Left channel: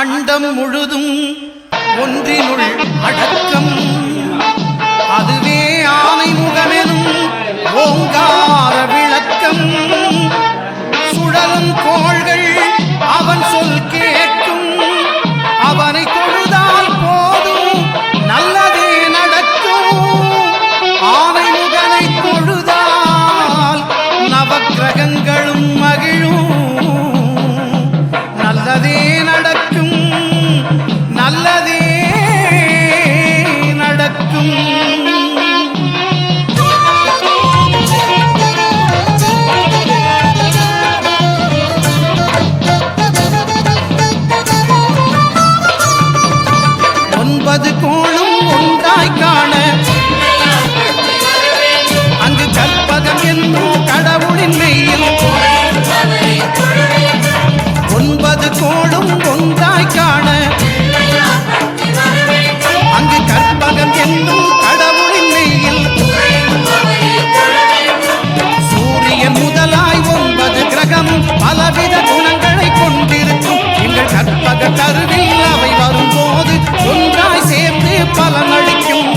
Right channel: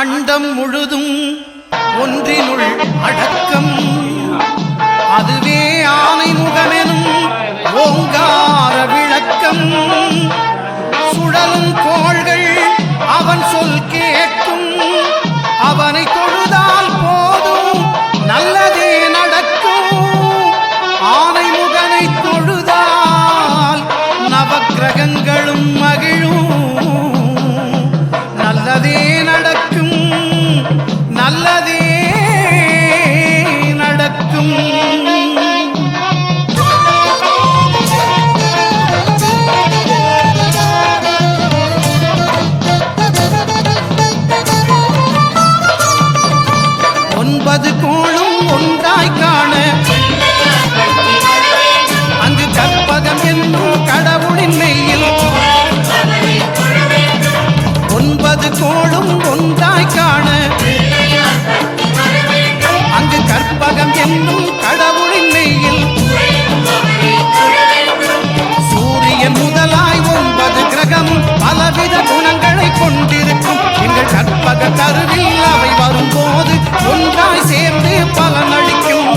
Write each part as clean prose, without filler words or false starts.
அண்டம் முழுதும் ஒன்றினுள் அடக்கம். அதுவே ஆனை முகமெனும் ஓங்கார விளக்கம். சுழலும் கோள்கள் அவன் சொல் கேட்கும். அவனை தொழுதால் போதும் நல்லதே நடக்கும். ஆனை முகனை தொழுதால் நவக்கிரகங்களும் மகிழும். நல்லதே நடக்கும், நல்லதே நடக்கும். ஒன்பது கோளும் ஒன்றாய் காண அங்கு கற்பகம் என்னும் கடவுளின் மெய்யில். ஒன்பது கோளும் ஒன்றாய் காண அங்கு கற்பகம் என்னும் கடவுளின் மெய்யில். சூரியன் முதலாய் 9 கிரகம் பலவித குணங்களை கொண்டிருக்கும். எங்கள் கற்பக தருவில் அவை வரும்போது ஒன்றாய் சேர்ந்து பலனளிக்கும்.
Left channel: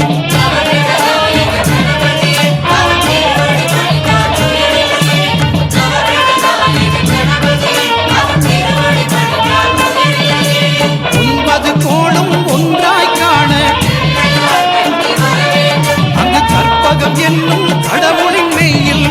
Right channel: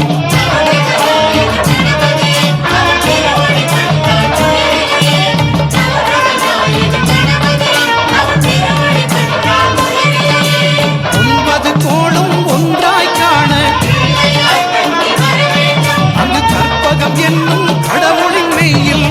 கோளும் ஒன்றாய் காண அங்கு கற்பகம் என்னும் கடவுளின் மெய்யில்.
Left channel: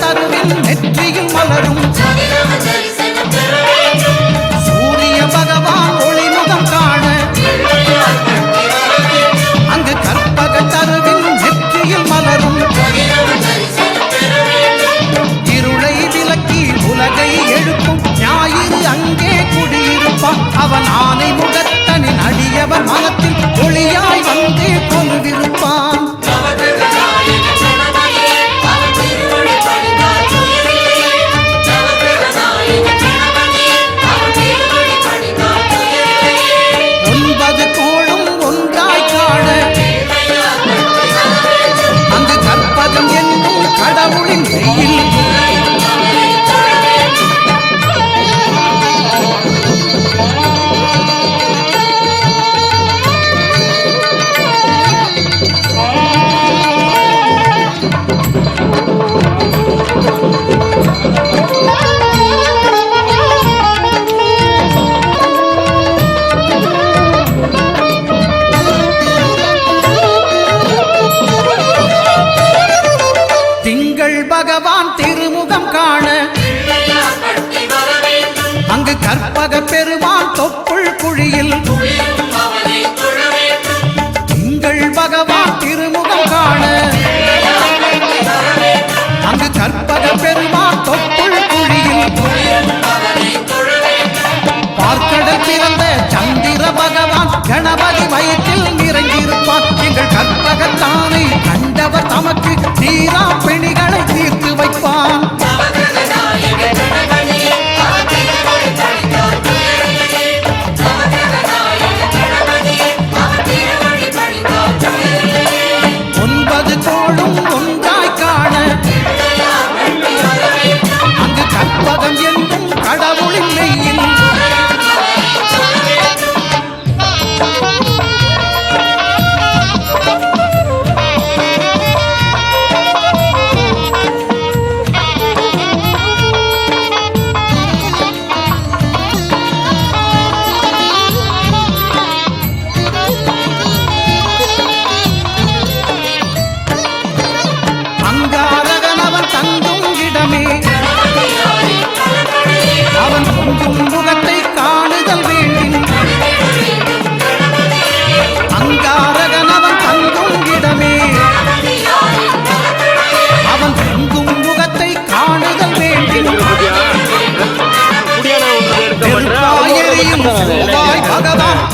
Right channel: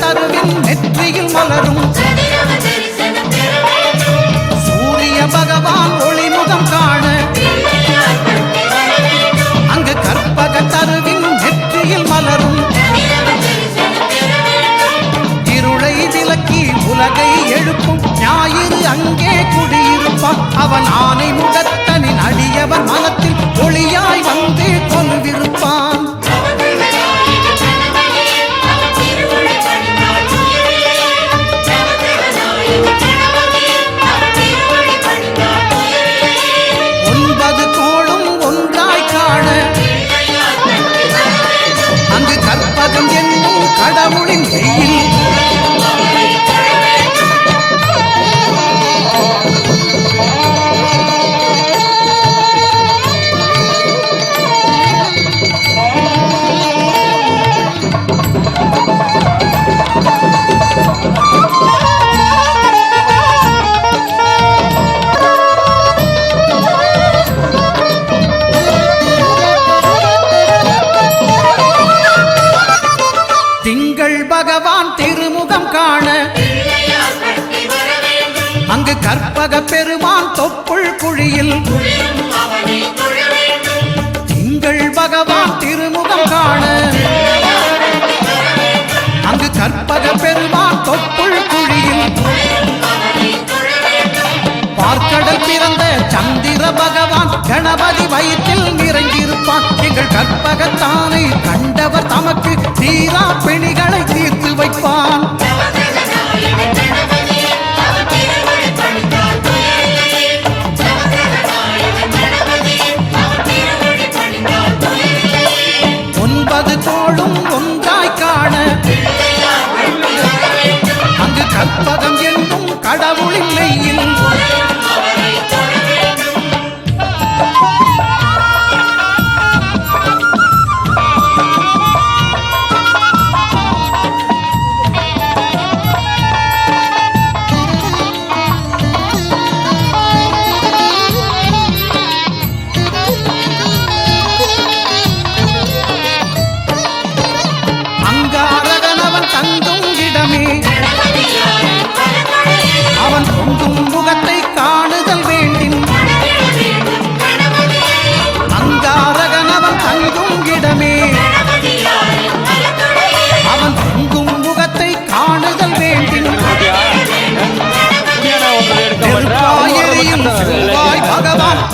தருவின் நெற்றியில் மலரும் சூரிய பகவான் ஒளிமுகம் காண அங்கு கற்பக தருவின் நெற்றியில் மலரும். இருளை விலக்கி உலகை எழுப்பும் ஞாயிறு அங்கே குடியிருப்பான். அவன் ஆனை முகத்தனின் அடியவன் மனத்தில் ஒளியாய் வந்து கொலுவிருப்பான். கோளும் ஒன்றாய் காண அங்கு கற்பகம் என்னும் கடவுளின் மெய்யில். திங்கள் பகவான் திருமுகம் காண அங்கு கற்பக பெருமான் தொப்புள் குழியில். திங்கள் பகவான் திருமுகம் காண அங்கு கற்பக பெருமான் தொப்புள் குழியில். பார்க்கடல் பிறந்த சந்திர பகவான் கணபதி வயிற்றில் நிறைந்திருப்பான். எங்கள் கற்பகத்தானை கண்டவர் தமக்கு தீரா பிணிகளை தீர்த்து வைப்பான். ஒன்பது கோளும் ஒன்றாய் காண அங்கு கற்பகம் என்னும் கடவுளின் மெய்யில். அங்காரகன் அவன் தங்கும் இடமே அவன்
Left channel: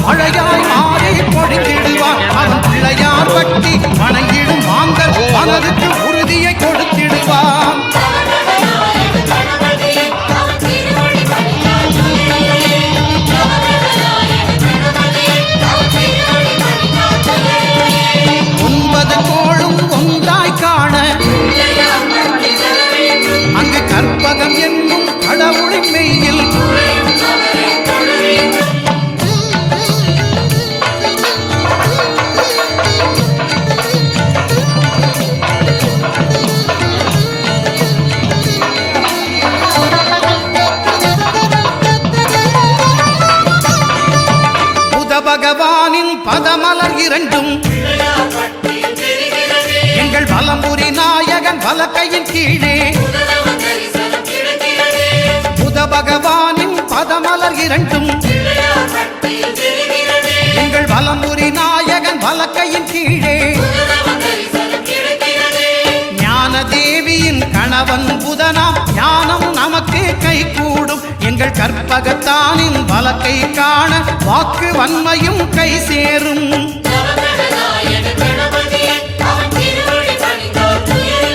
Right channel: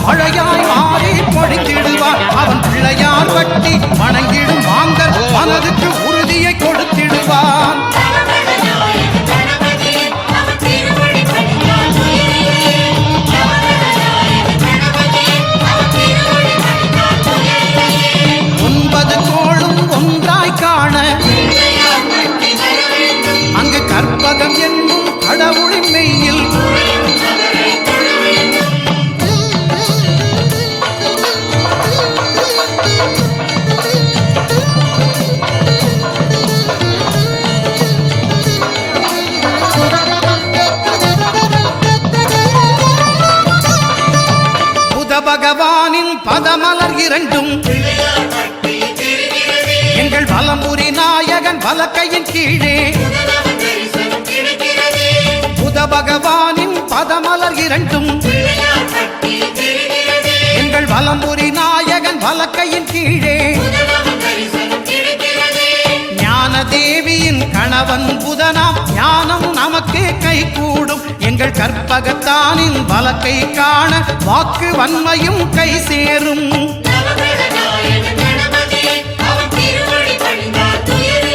மழையாய் மாறி பொழிந்திடுவார் அவன் பிள்ளையார் பட்டி வணங்கிடும் மாந்தர் மனதுக்கு உறுதியை கொடுத்திடுவான் ஒன்பது கோளும் ஒன்றாய் காண அங்கு கற்பகம் என்னும் கடவுளின் மெய்யில் புத பகவானின் பதமலர் இரண்டும் எங்கள் வலம்புரி நாயகன் வலக்கையின் கீழே புத பகவானின் பதமலர் இரண்டும் எங்கள் வலம்புரி நாயகன் வலக்கையின் கீழே ஞான தேவியின் கணவன் புதனாம் ஞானம் நமக்கு கை கூடும் எங்கள் கற்பகத்தானின் வலக்கை காண வாக்கு வன்மையும் கை சேரும்